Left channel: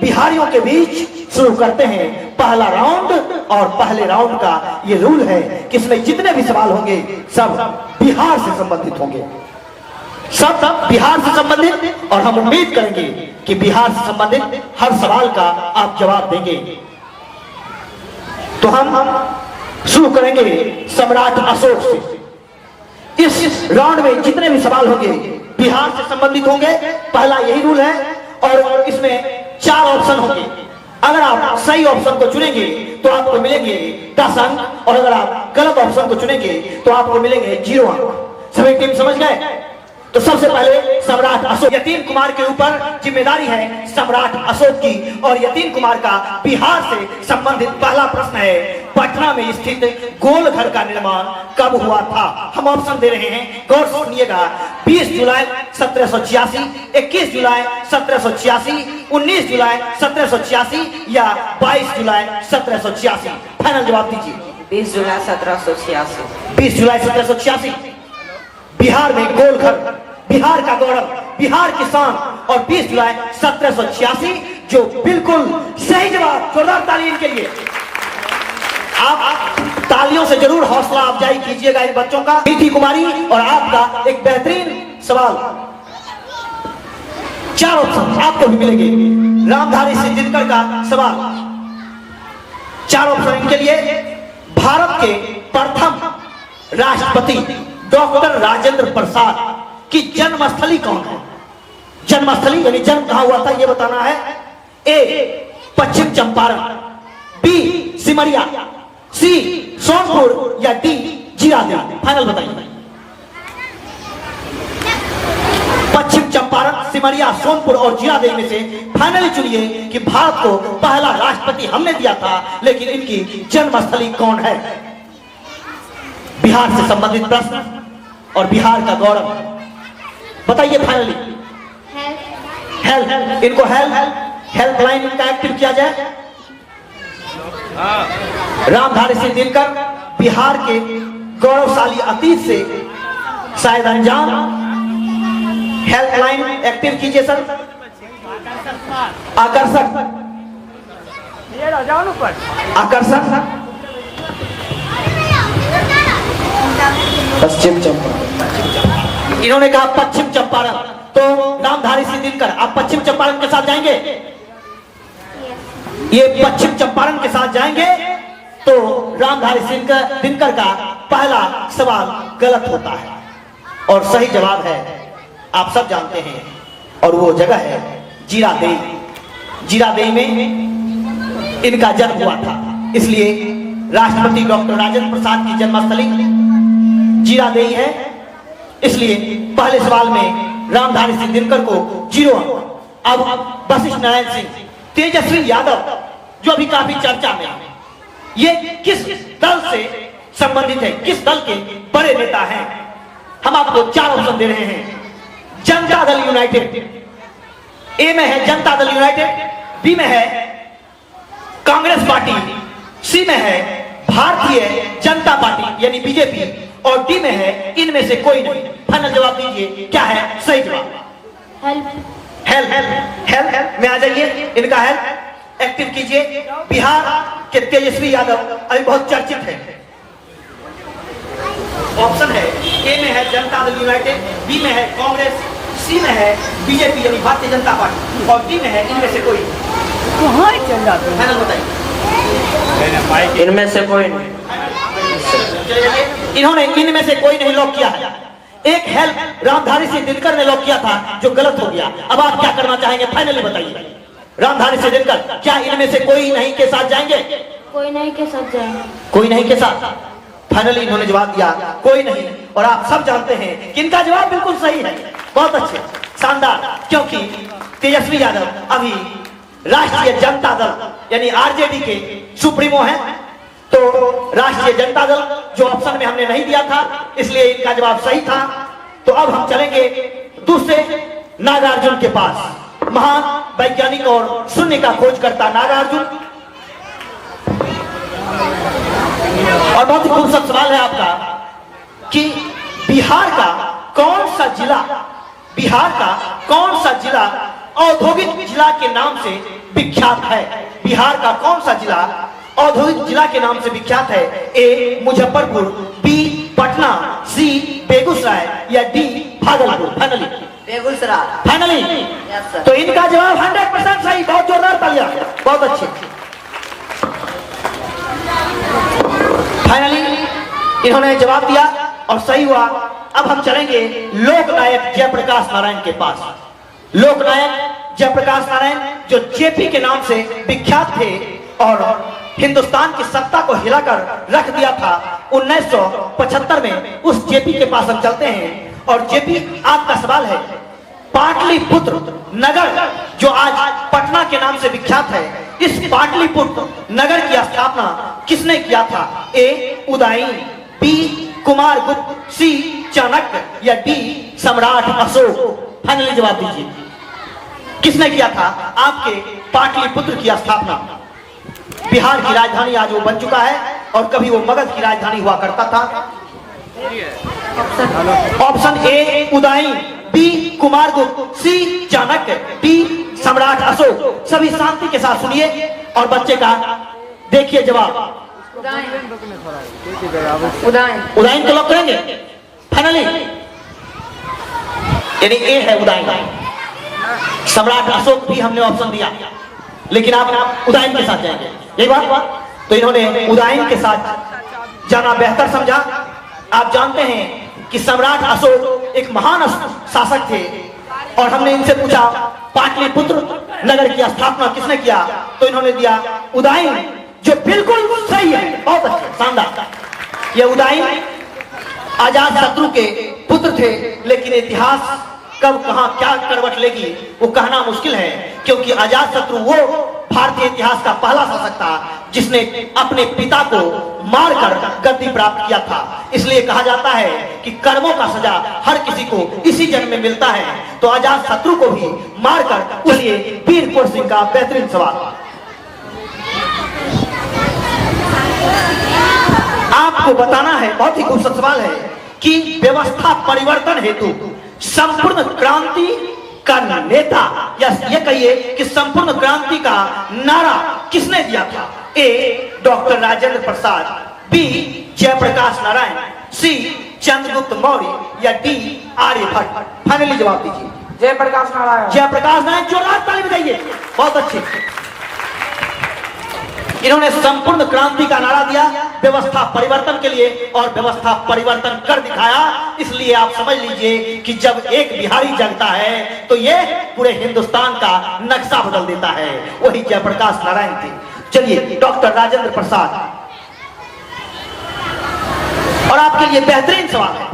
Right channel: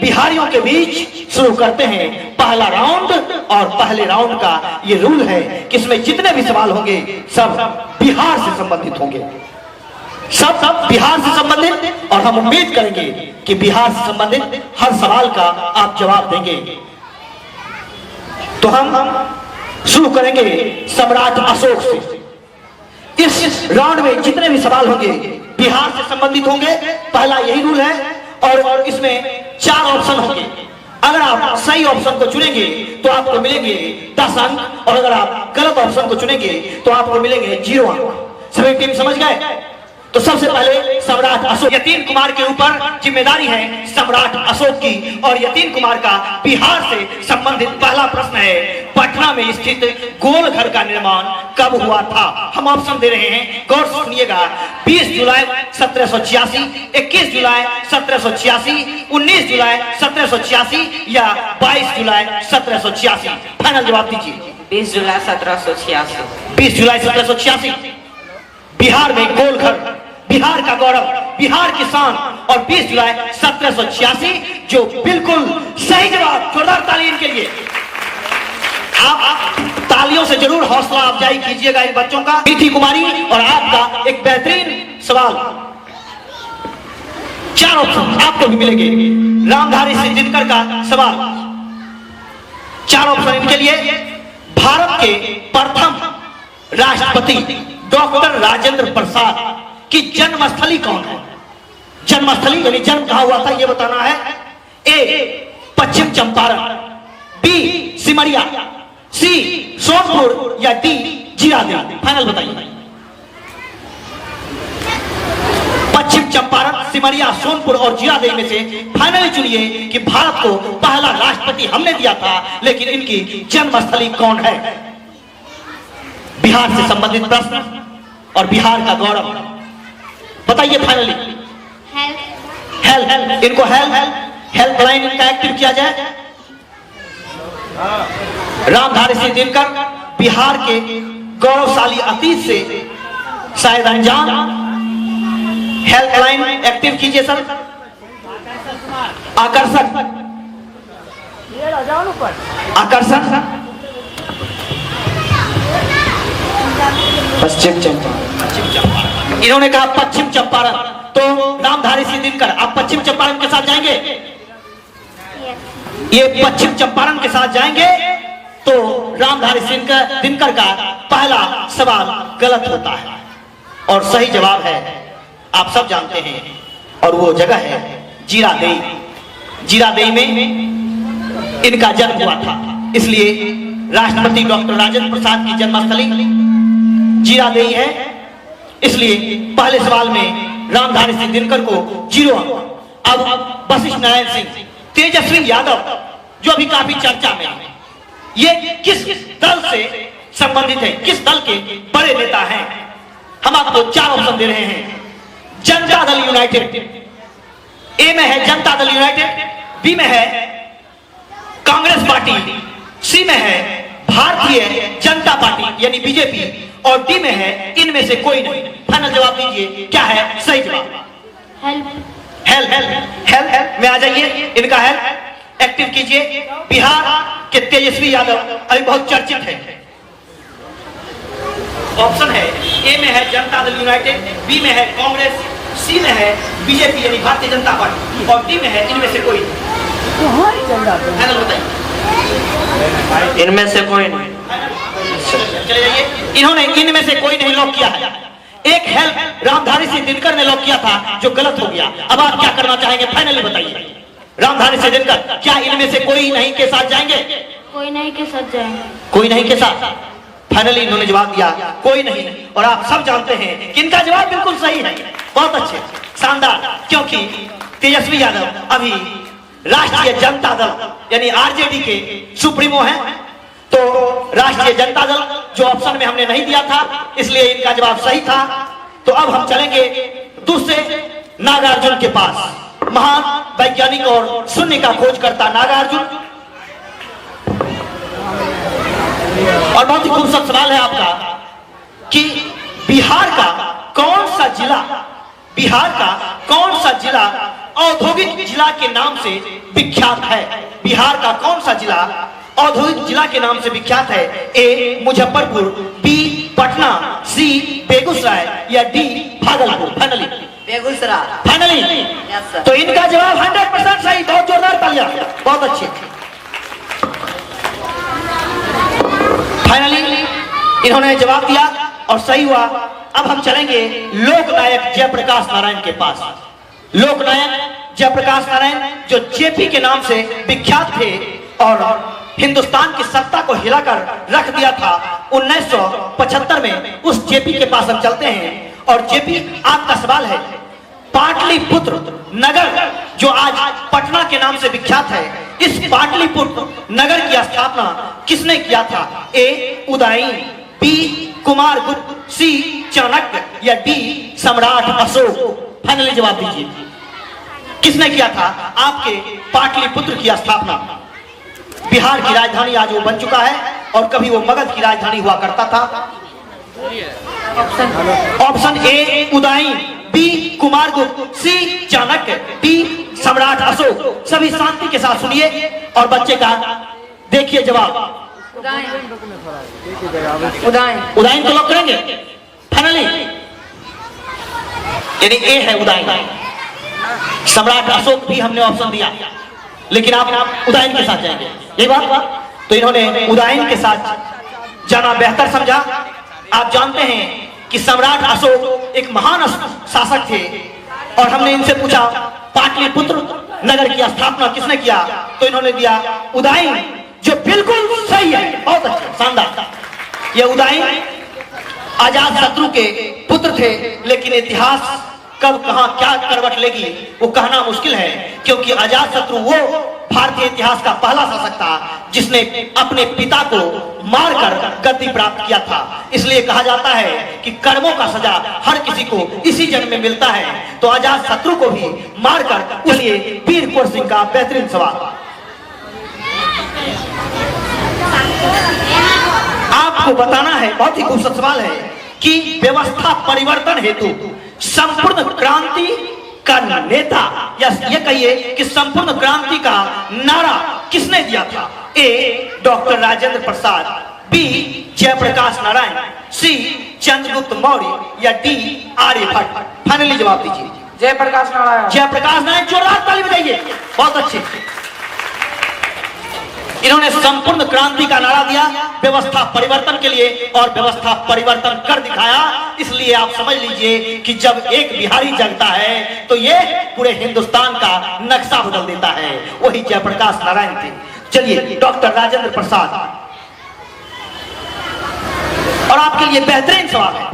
बिहारियों के बीच शुरू करते हैं पहला राउंड। और पहले राउंड का ये रूल है कि इसमें जितने भी सवाल होंगे सब बिहार से संबंधित होंगे, सब बिहार से संबंधित। और हम उम्मीद करेंगे कि बिहार से संबंधित हर सवाल का आप जवाब देंगे। तो हम शुरू करेंगे सम्राट अशोक से। इस राउंड में जितने भी सवाल होंगे बिहार से संबंधित होंगे, पहला यही रूल है। और इसमें 4 ऑप्शन होंगे। अगर आप सही ऑप्शन को चुनेंगे तो आपको मिलेंगे 10 अंक, और अगर आप गलत ऑप्शन को चुनेंगे तो आपको मिलेंगे 0 अंक। सभी टीम समझ गए? तो सबसे पहले सम्राट अशोक, यतीन कुमार के ऊपर जिम्मेदारी है सम्राट अशोक की। और यतीन कुमार का बिहार से संबंधित पहला प्रश्न है, पटना में स्थित गोल घर का निर्माण कब हुआ था? हम ऑप्शन दे रहे हैं, गौर से सुनिएगा। 20 जुलाई 1786, 21 जुलाई 1786, 19 जुलाई 1786 या 22 जुलाई 1786? फाइनल जवाब दीजिए। 20 जुलाई 1786। 20 जुलाई 1786। बिहार में गोल घर, बिहार का गौरव, बिहार की शान, और 20 जुलाई 1786 जो बिल्कुल सही जवाब। जोरदार तालियों के लिए। आप तालियों से जरूर हौसला अफजाई कीजिएगा इन बच्चों का। मीठी कुमारी और आपका एक बेहतरीन सवाल। 4 ऑप्शन आपको भी मिलेंगे। रामधारी सिंह दिनकर का सवाल, 4 ऑप्शन इनके लिए। भारत के प्रथम राष्ट्रपति डॉक्टर राजेंद्र प्रसाद की जन्मस्थली कौन है? जन्मस्थली यानी जन्म कहां हुआ था ये बताना है। ए पश्चिम चंपारण, बी सिमरिया, सी सोनपुर या डी जीरादेई? फाइनल बताइए। पश्चिम चंपारण, सिमरिया, सोनपुर और जीरादेई में से फाइनली चुनिए कि भारत को पहला राष्ट्रपति हमने दिया था, लेकिन इनकी जन्मस्थली कौन है? बिहार से संबंधित प्रश्न और बिहार का गौरव बताइए फाइनली। हेल्प, इनको हेल्पलाइन इनका एक्टिव किया जाए। रामधारी सिंह दिनकर बिहार के गौरवशाली अतीत से शायद अनजान, हेल्पलाइन एक्टिव कीजिए सर। आकर्षक, आकर्षक पश्चिम चंपारण। इन्होंने कहा पश्चिम चंपारण, तो रामधारी सिंह दिनकर आप पश्चिम चंपारण के साथ जाएंगे? ये पश्चिम चंपारण के साथ जाएंगे तो रामधारी सिंह दिनकर का पहला सवाल गलत होता है और सही जवाब है आप सब जानते हैं, और वो जगह है जीरादेई। जीरादेई में इनका जन्म हुआ था, इसलिए राष्ट्रपति डॉक्टर राजेंद्र प्रसाद की जन्मस्थली जीरादेई है। इसलिए पहले सवाल में रामधारी सिंह दिनकर को 0 अंक। अब वशिष्ठ नारायण सिंह, तेजस्वी यादव जो अभी काफी चर्चा में है, ये किस दल से संबंधित है, किस दल के बड़े नेता हैं? हम आपको 4 ऑप्शन दे रहे हैं। जनता दल यूनाइटेड, ए में है जनता दल यूनाइटेड, बी में है कांग्रेस पार्टी, सी में है भारतीय जनता पार्टी यानी बीजेपी, और डी में है इनमें से कोई नहीं। फाइनल जवाब दीजिए, क्या है सही जवाब? हेल्प में आ जाइए। इनका हेल्प एक्टिव कीजिए। बिहार के तेजस्वी यादव अभी बहुत चर्चित है। ऑप्शन है, ए में है जनता दल यूनाइटेड, बी में है कांग्रेस, सी में है बीजेपी यानी भारतीय जनता पार्टी, और डी में है इनमें से कोई नहीं। फाइनल बताइए। इनमें से कोई नहीं। इन्होंने इनमें से कोई नहीं लॉक किया है। एक हेल्प रामधारी सिंह दिनकर ने लॉक किया था जो गलत हो गया। अब आप क्या करना चाहेंगे फाइनली बताइए। रामधारी सिंह दिनकर क्या इनमें से कोई नहीं के साथ जाएंगे? कोई नहीं के साथ जाएंगे। कोई नहीं के साथ फाइनली इन्होंने जवाब दिया कोई नहीं, और आप सब जानते हैं कि इनका जवाब बिल्कुल सही है। बहुत अच्छे, शानदार, क्योंकि तेजस्वी यादव अभी राष्ट्रीय जनता दल यानी आरजेडी के सुप्रीमो हैं, तो राष्ट्रीय जनता दल जो ऑप्शन में हमने नहीं दिया था, इसलिए इनका जवाब सही था। तो अब हम चलेंगे दूसरे नागार्जुन के पास। महान वैज्ञानिक और शून्य का खोजकर्ता नागार्जुन, और बहुत ही खूबसूरत सवाल है आपका कि बिहार का कौन सा जिला औद्योगिक जिला के नाम से विख्यात है? बिहार का कौन सा जिला औद्योगिक जिला के नाम से विख्यात है? ए मुजफ्फरपुर, बी पटना, सी बेगूसराय या D Bhagalpur? Finally Begusarai. Finally yes sir. तो इनका जवाब 100% सही। बहुत जोरदार तालियां, बहुत अच्छे। फाइनली इन्होंने जवाब दिया और सही हुआ। अब हम चलेंगे लोकनायक जयप्रकाश नारायण के पास। लोकनायक जयप्रकाश नारायण जो जेपी के नाम से विख्यात थे और हिंदुस्तान की सत्ता को हिलाकर रख दिया था 1975 में, उस जेपी के पास हम चलते हैं। और जेपी, आपका सवाल है, पाटलिपुत्र नगर जो आज पटना के नाम से विख्यात है, इस पाटलिपुत्र नगर की स्थापना किसने किया था? ए उदयन, बी कुमारगुप्त, सी चाणक्य या डी सम्राट अशोक? फाइनली जवाब दीजिए, किसने किया था आपके पाटलिपुत्र की स्थापना? बिहार की राजधानी आज वो बन चुका है और कभी वो मगध की राजधानी हुआ करता था। Option A Udayan, B Kumaragupta, C Chanakya, D Samrat Ashoka. सभी शांति के साथ सुनिए और बच्चे का देखिए जवाब। उदयन को लॉक करेंगे फाइनली? यानी ए है उदयन। सम्राट अशोक भी हमने ऑप्शन दिया, लेकिन आप उदयन के साथ जाएंगे, यही बात? तो इन्होंने उदयन के साथ जाना बेहतर समझा। आप जानते हैं कि सम्राट अशोक एक महान शासक थे और हमने इनसे पूछा पाटलिपुत्र नगर की स्थापना किसने किया, तो इन्होंने दिया उदयन, जो बिल्कुल सही है। बहुत अच्छा, शानदार। ये उदयन अजात शत्रु के पुत्र थे, लेकिन इतिहास कब कहां क्या करवट लेगी वो कहना मुश्किल है, क्योंकि अजात शत्रु वो भारतीय इतिहास का पहला शासक था जिसने अपने पिता को मारकर गद्दी प्राप्त किया था। इसलिए कहा जाता है कि कर्मों का सजा हर किसी को इसी जन्म में मिलता है। तो अजात शत्रु को भी मारकर, चलिए वीर कुंवर सिंह का बेहतरीन सवाल। आपको बताना है, बहुत ही खूबसूरत सवाल है कि व्यवस्था परिवर्तन हेतु संपूर्ण क्रांति का नेता, या ये कहिए कि संपूर्ण क्रांति का नारा किसने दिया था? ए डॉक्टर राजेंद्र प्रसाद, बी जयप्रकाश नारायण, सी चंद्रगुप्त मौर्य या डी आर्यभट्ट? फाइनली जवाब दीजिए। जयप्रकाश नारायण। जयप्रकाश नारायण, जोरदार ताली बजाइए, बहुत अच्छे। इन्होंने संपूर्ण क्रांति का नारा दिया व्यवस्था परिवर्तन के लिए और व्यवस्था परिवर्तन कर दिखाया। इसलिए आप समझ लीजिए कि जब एक बिहारी जगता है तो ये पूरे हिंदुस्तान का नक्शा बदल देता है। वही जयप्रकाश नारायण थे। चलिए डॉक्टर राजेंद्र प्रसाद, और आपके लिए बेहतरीन सवाल है।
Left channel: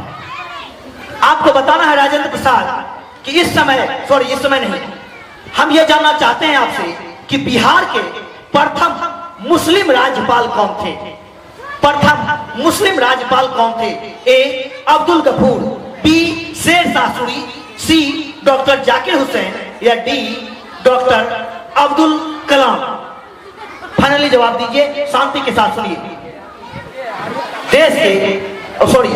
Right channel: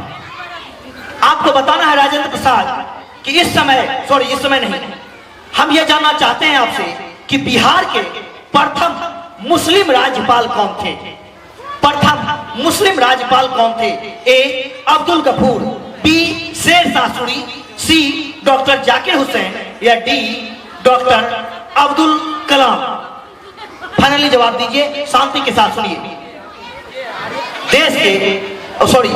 आपको बताना है राजेंद्र प्रसाद कि इस समय नहीं, हम ये जानना चाहते हैं आपसे कि बिहार के प्रथम मुस्लिम राज्यपाल कौन थे? प्रथम मुस्लिम राज्यपाल कौन थे? ए अब्दुल गफूर, बी शेरशाह सूरी, सी डॉक्टर जाकिर हुसैन या D doctor Abdul Kalam? Finally जवाब दीजिए, शांति के साथ सुनिए।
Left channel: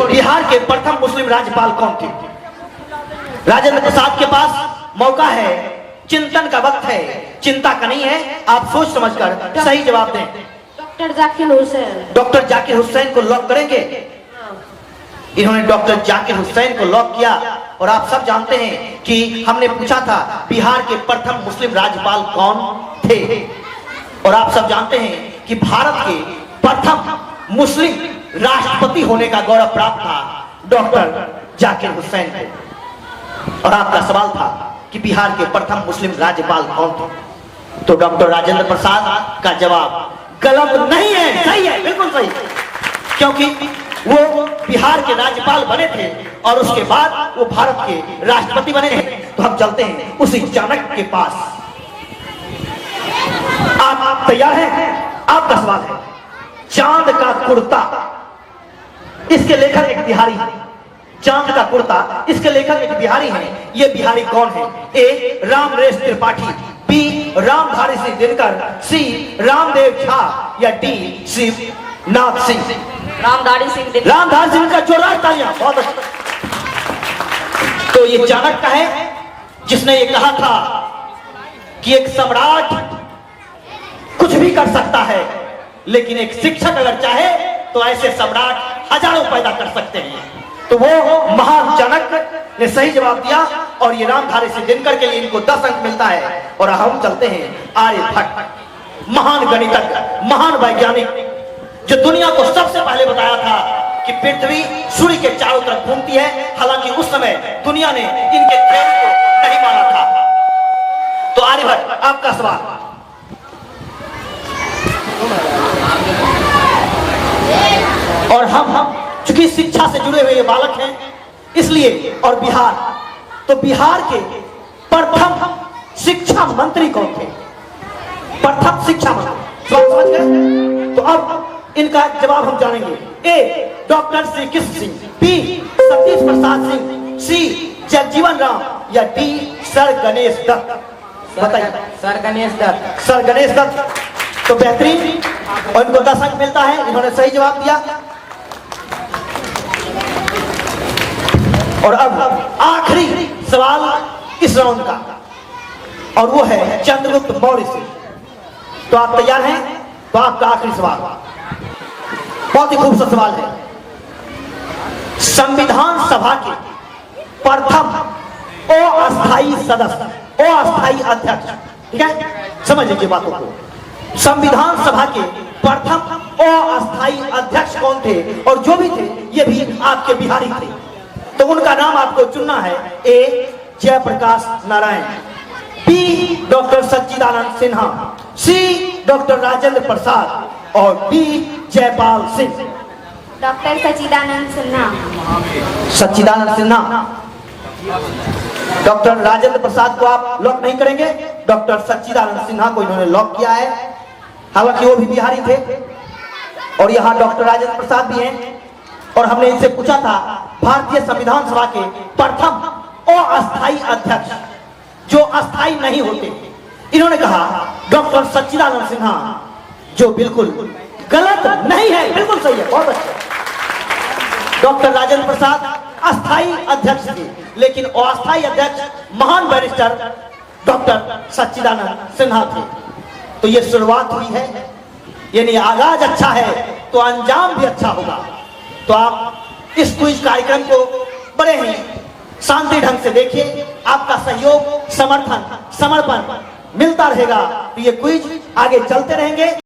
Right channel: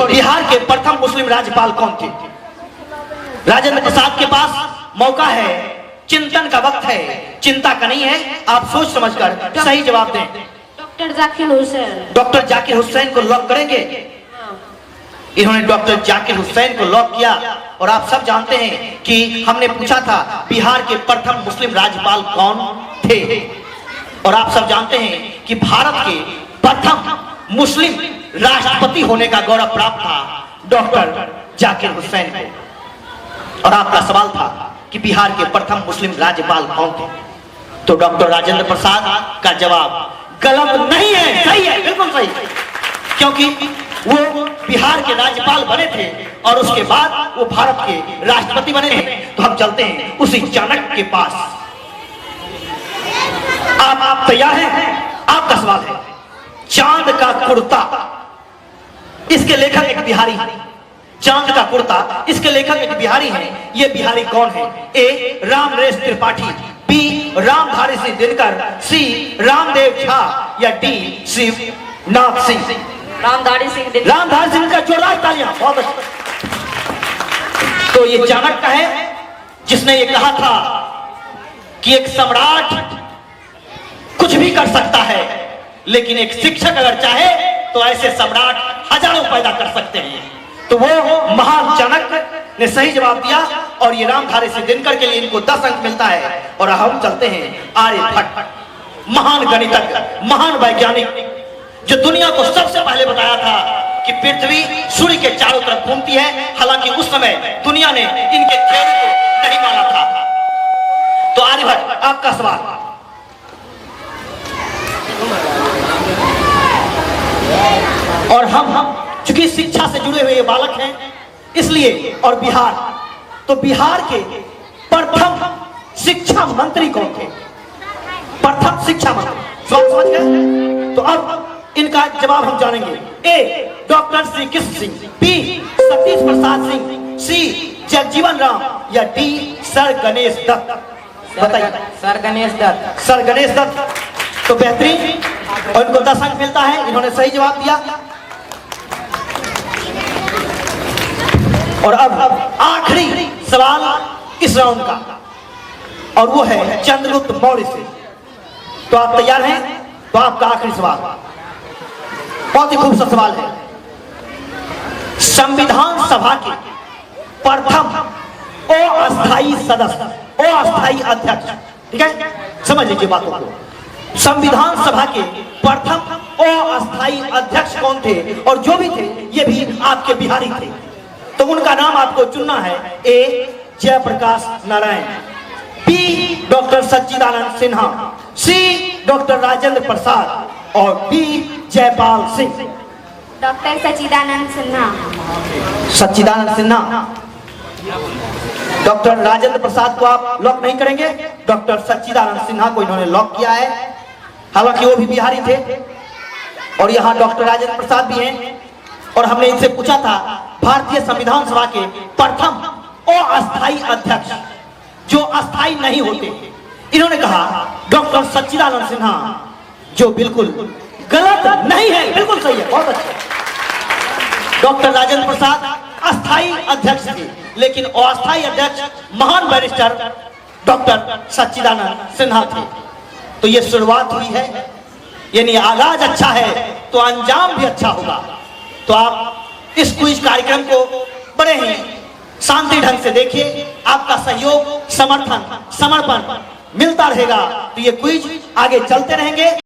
बिहार के प्रथम मुस्लिम राज्यपाल कौन थे? राजेंद्र प्रसाद के पास मौका है, चिंतन का वक्त है, चिंता का नहीं है। आप सोच समझकर सही जवाब दें। डॉक्टर जाकिर हुसैन। डॉक्टर जाकिर हुसैन को लॉक करेंगे? इन्होंने डॉक्टर जाकिर हुसैन को लॉक किया। और आप सब जानते हैं कि हमने पूछा था बिहार के प्रथम मुस्लिम राज्यपाल कौन थे, और आप सब जानते हैं कि भारत के प्रथम मुस्लिम राष्ट्रपति होने का गौरव प्राप्त था डॉक्टर जाकिर हुसैन को। और आपका सवाल था कि बिहार के प्रथम मुस्लिम राज्यपाल कौन थे, तो डॉक्टर राजेंद्र प्रसाद का जवाब गलत नहीं है, सही है, बिल्कुल सही, क्योंकि वो बिहार के राज्यपाल बने थे और उसके बाद वो भारत के राष्ट्रपति बने थे। तो हम चलते हैं उसी चाणक्य के पास। आप तैयार हैं? आपका सवाल है, चांद का कुर्ता, इसके लेखक एक बिहारी है। चांद का कुर्ता, इसके लेखक एक बिहारी हैं। ये बिहारी कौन है? ए रामनरेश त्रिपाठी, बी रामधारी सिंह दिनकर, सी रामदेव झा या डी शिवनाथ सिंह? रामधारी सिंह। रामधारी सिंह का जोरदार तालियां, बहुत अच्छा। तो ये चाणक्य है जिसने ये कहा था कि एक सम्राट कुछ भी कर सकता है, लेकिन एक शिक्षक अगर चाहे तो ऐसे सम्राट हजारों पैदा कर सकते हैं। तो वो महान चाणक्य ने सही जवाब दिया और ये रामधारी सिंह दिनकर के लिए इनको 10 अंक मिलता है। और हम चलते हैं आर्यभट्ट, महान गणितज्ञ, महान वैज्ञानिक, जो दुनिया को सबसे पहले बताया था कि पृथ्वी सूर्य के चारों तरफ घूमती है। हालांकि उस समय दुनिया ने इनके थ्योरी को नहीं माना था। तो आर्यभट्ट, आपका सवाल। और हम चूंकि शिक्षा से जुड़े हुए ये बालक हैं, इसलिए, और बिहार, तो बिहार के प्रथम शिक्षा मंत्री कौन थे? प्रथम शिक्षा मंत्री, समझ गए? तो अब इनका जवाब हम जानेंगे। ए डॉक्टर श्री कृष्ण सिंह, बी सतीश प्रसाद सिंह, सी जगजीवन राम, या डी सर गणेश दत्त। बताइए। सर गणेश दत्त। सर गणेश दत्त। तो बेहतरीन, और इनको 10 अंक मिलता है, इन्होंने सही जवाब दिया। और अब आखिरी सवाल इस राउंड का, और वो है चंद्रगुप्त मौर्य से। तो आप तैयार हैं? तो आपका आखिरी सवाल बहुत ही खूबसूरत सवाल है। संविधान सभा के प्रथम अस्थायी सदस्य, अस्थायी अध्यक्ष, ठीक है, समझ लीजिए बातों को। संविधान सभा के प्रथम अस्थायी अध्यक्ष कौन थे? और जो भी थे ये भी आपके बिहारी थे। तो उनका नाम आपको चुनना है। ए जयप्रकाश नारायण, बी डॉक्टर सच्चिदानंद सिन्हा, सी डॉक्टर राजेंद्र प्रसाद, और डी जयपाल सिंह। डॉक्टर सच्चिदानंद सिन्हा। सच्चिदानंद सिन्हा। डॉक्टर राजेंद्र प्रसाद को आप लॉक नहीं करेंगे, डॉक्टर सच्चिदानंद सिन्हा को इन्होंने लॉक किया है। हालांकि वो भी बिहारी थे, और यहाँ डॉक्टर राजेंद्र प्रसाद भी हैं। और हमने इनसे पूछा था भारतीय संविधान सभा के प्रथम अस्थायी अध्यक्ष जो अस्थायी नहीं होते, इन्होंने कहा डॉक्टर सच्चिदानंद सिन्हा, जो बिल्कुल गलत नहीं है, बिल्कुल सही है, बहुत अच्छा। डॉक्टर राजेंद्र प्रसाद अस्थायी अध्यक्ष थे, लेकिन अस्थायी अध्यक्ष महान बैरिस्टर डॉक्टर सच्चिदानंद सिन्हा थे। तो ये शुरुआत हुई है, यानी आगाज अच्छा है तो अंजाम भी अच्छा होगा। तो आप इस क्विज कार्यक्रम को बड़े ही शांति ढंग से देखिए, आपका सहयोग, समर्थन, समर्पण मिलता रहेगा। तो ये क्विज आगे चलते रहेंगे।